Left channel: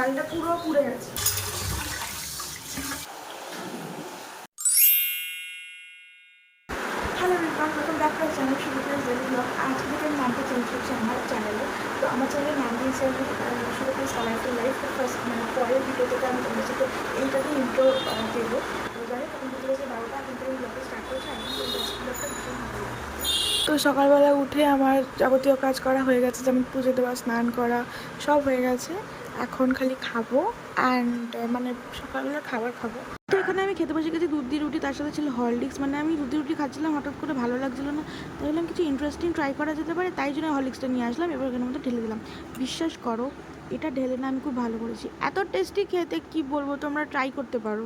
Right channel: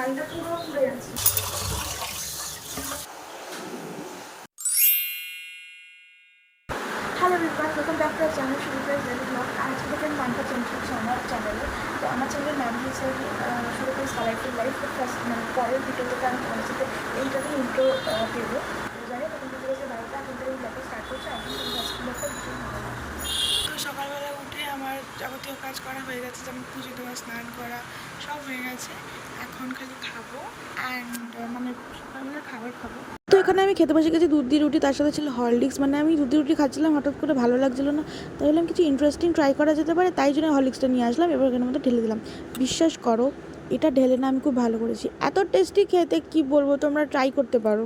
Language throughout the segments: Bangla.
ডালটা পুরো পুড়ে গেছে। Hello Ripan welcome back to channel শুরু করে ডেলি ব্লগ আজকে থেকে নামটা চেঞ্জ করছি আমার চ্যানেলে তো আমার চ্যানেলের নাম দিয়েছে শুরু করে কালারফুল লাইফ তো ফার্স্ট মানে পরের ভিডিও থেকে আমি তোমাদের সাথে এইটাতেই ইন্ট্রো দেবো। তো জানি তখন বুঝতে পেরেছি বারোটা, এখন থেকে ব্লগটা স্টার্ট করছে। এখন কিন্তু আজকে ব্লগটা ভীষণ ভালো তো সকালবেলা উঠে আমার যাবতীয় কাজ করা হয়ে গেছে, যেমন পুজো দেওয়া, স্নান করা, সব হয়ে গেছে। এখন খালি খাব অ্যান্ড মানে সকালবেলা খাবার খাব। তো এখানে আমি খেতে বসে গেছি দুধ রুটি, তার সাথে ছিল হরলিক্স। মানে আমি দুধ রুটি খাচ্ছিলাম, হঠাৎ করে ভালো লাগছিল না। তাই বললাম কিছু ইন্টারেস্টিং ট্রাই করা যেতে পারে, তাই জন্য হরলিক্সটা নিয়ে আসলাম, এবার এখানের মধ্যে ঢেলে দিলাম। বিশ্বাস করো, এটা ঢেলে না আমি খুব ভালো করেছি। এত টেস্টি খেতে কি বলব, তোমরা ট্রাই করতে পারো।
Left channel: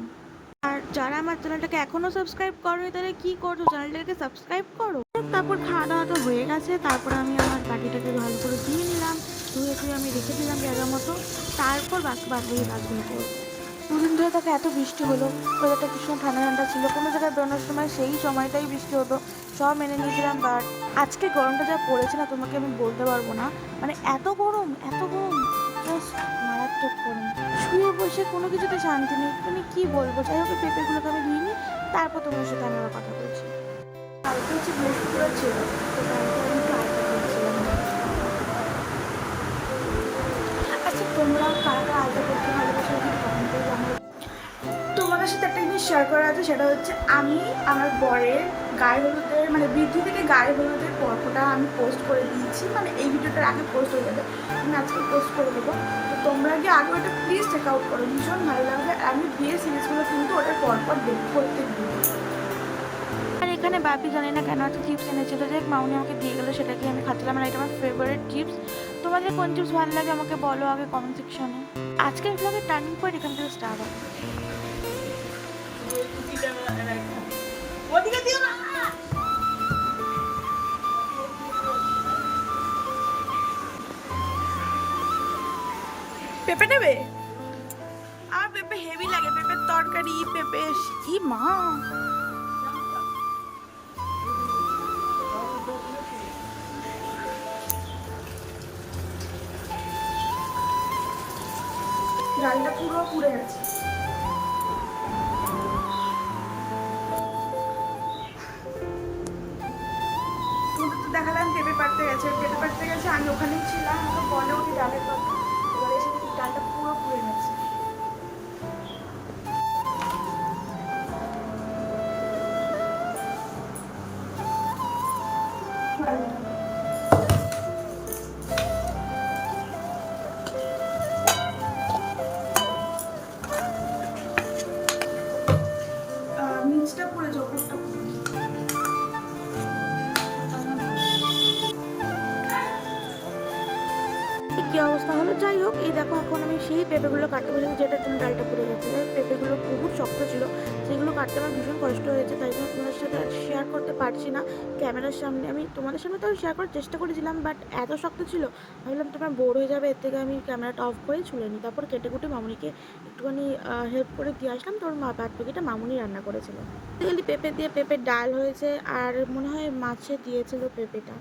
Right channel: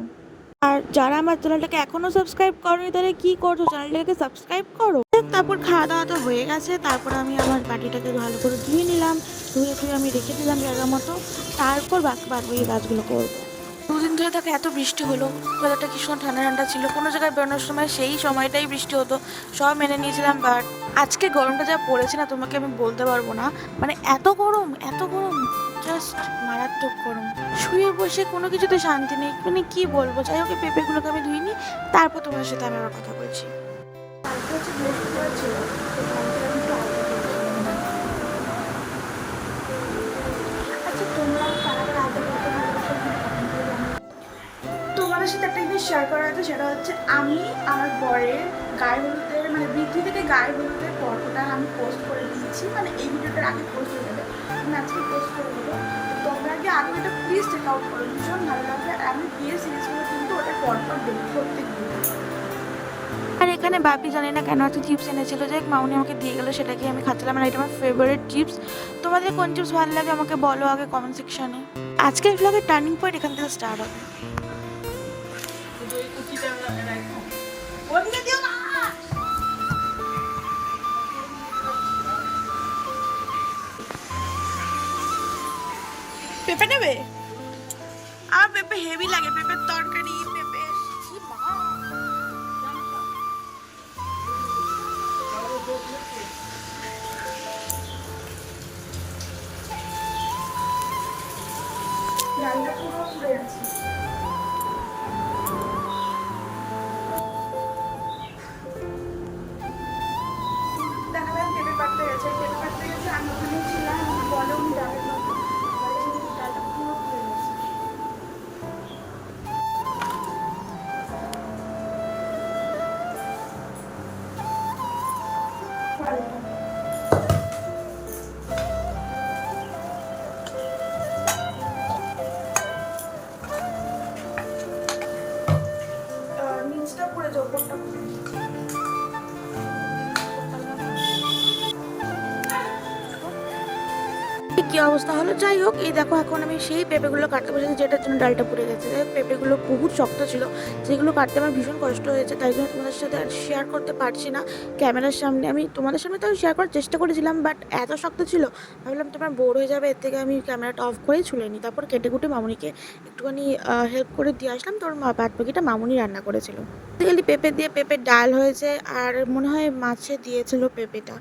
আর যারা আমার চ্যানেলটাকে এখনও সাবস্ক্রাইব করনি, তাহলে কি করছ? চ্যানেলটাকে সাবস্ক্রাইব করো। তারপর খাওয়া দাওয়া তো হয়ে গেছে, তারপর আমি আমার বাটিটাকে ভালো করে ধুয়ে নিলাম। ধুয়ে ধুয়ে আমি রেখে দিলাম জায়গা মতো তারপর বাকি বাকি কাজগুলো করব। দুদিন ধরে তাকে এত বৃষ্টি হলো ওয়েদারটা কি সুন্দর ঠান্ডা ঠান্ডা ছিল কোনো জায়গায় বেরোনোর সময় সেই সময়টাই বৃষ্টি হতো সব মেনে নিয়েছিলাম বাট আজকে গরমটা যা পড়েছে না তোমাকে আমি বলতে পারব না। মানে এত গরম এত গরম জাস্ট মারাত্মক গরম। শুয়ে বসে কোনো কিছুতে শান্তি নেই মানে কি বলব? যাই হোক পেঁপেগুলোকে আমি ধুইনি তারপর তোমার সাথে আমি কথা বলছি। কালকে হচ্ছে বৃহস্পতিবার ছিল তো কালকে তোমাদের সাথে একটা জিনিস শেয়ার করা আছে, সেটা হচ্ছে আমি আমার বরের গায়ে হলুদের মানে বৃদ্ধি থেকে গায়ে হলুদের পর্বটা আমি পোস্ট করে দিয়েছি। মানে এই ভিডিওটার আগে পোস্ট হয়ে যাবে, আমি আজকে পোস্ট করে দেবো। তো তোমরা গিয়ে আগে ওটা প্লিজ চেক আউট করো, ভীষণ ভালো লাগবে। আর আমি বিয়ের সিরিজগুলো কিন্তু ওটার পরপর দেখি প্রত্যেক দিন। আর এখানে বাপি জানি না কেন একটা চিপস এনেছিল যে মাউনি আমাকে দিয়ে গেলো সেটাকে আমি খাচ্ছিলাম? আর এটা আমার ফেভারিট চিপস তোমাদের কোন চিপস ভালো লাগে আমাকে বলো আগে কমেন্ট সেকশনে আজকের ব্লগের টার্নিং পয়েন্ট এখান থেকে স্টার্ট হবে। পেঁপে নেবে? আর পেঁপে হেভি লাগে, পেঁপের তরকারি, পেঁপে কি মা! ডালটা পুরো পুড়ে গেছে। গেছে পেঁপে পাড়তে গেছে, আমি ওখানেই ছিলাম তো বলে উনি ডালের কথা পুরো পুড়ে গেছে। নিচটা পুড়েছে ওপরটা কি অবস্থা হলো? যাই হোক, এই দেখো এখন আমি সেই পেঁপেগুলো কাটতে বসেছি যেটার জন্য ডালটা পুড়ে গেছে। পেঁপেগুলো বহুত শক্ত ছিল যেগুলো কাটতে আমার ভীষণ কষ্ট হয়েছে, তাই জন্য তোমাদের সাথে শেয়ার করতে পারছি না ক্যামেরার সামনে। আমি তোমাদের সামনে তো শেয়ার করার চেষ্টা করেছিলাম বাট এত শক্ত ছিল। ভাবলাম তোমার বোর হয়ে যাবে, এর থেকে আমি ক্যামেরাটা অফ করেই ছুলে নিই। তারপর কেটে কুটে মামুনিকে একটুখানি হেল্প করে দিয়ে আসলাম। তোর মা বাদ বাকিটা মামুনি রান্না করেছিল। বেসিক্যালি পেঁপে দিয়ে পেঁপের ডাল হয়েছে, আর মনে হয় মাছে দিয়েছিল পেঁপেটা।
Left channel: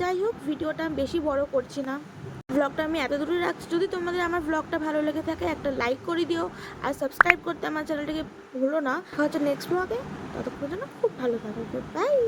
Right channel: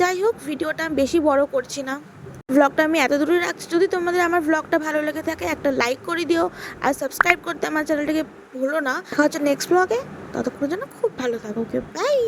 যাই হোক, ভিডিওটা আমি বেশি বড় করছি না। ব্লগটা আমি এত দূরে রাখছি, যদি তোমাদের আমার ব্লগটা ভালো লেগে থাকে, একটা লাইক করে দিও আর সাবস্ক্রাইব করতে আমার চ্যানেলটাকে ভুলো না। হচ্ছে নেক্সট ব্লগে ততক্ষণের জন্য খুব ভালো থাকো বাই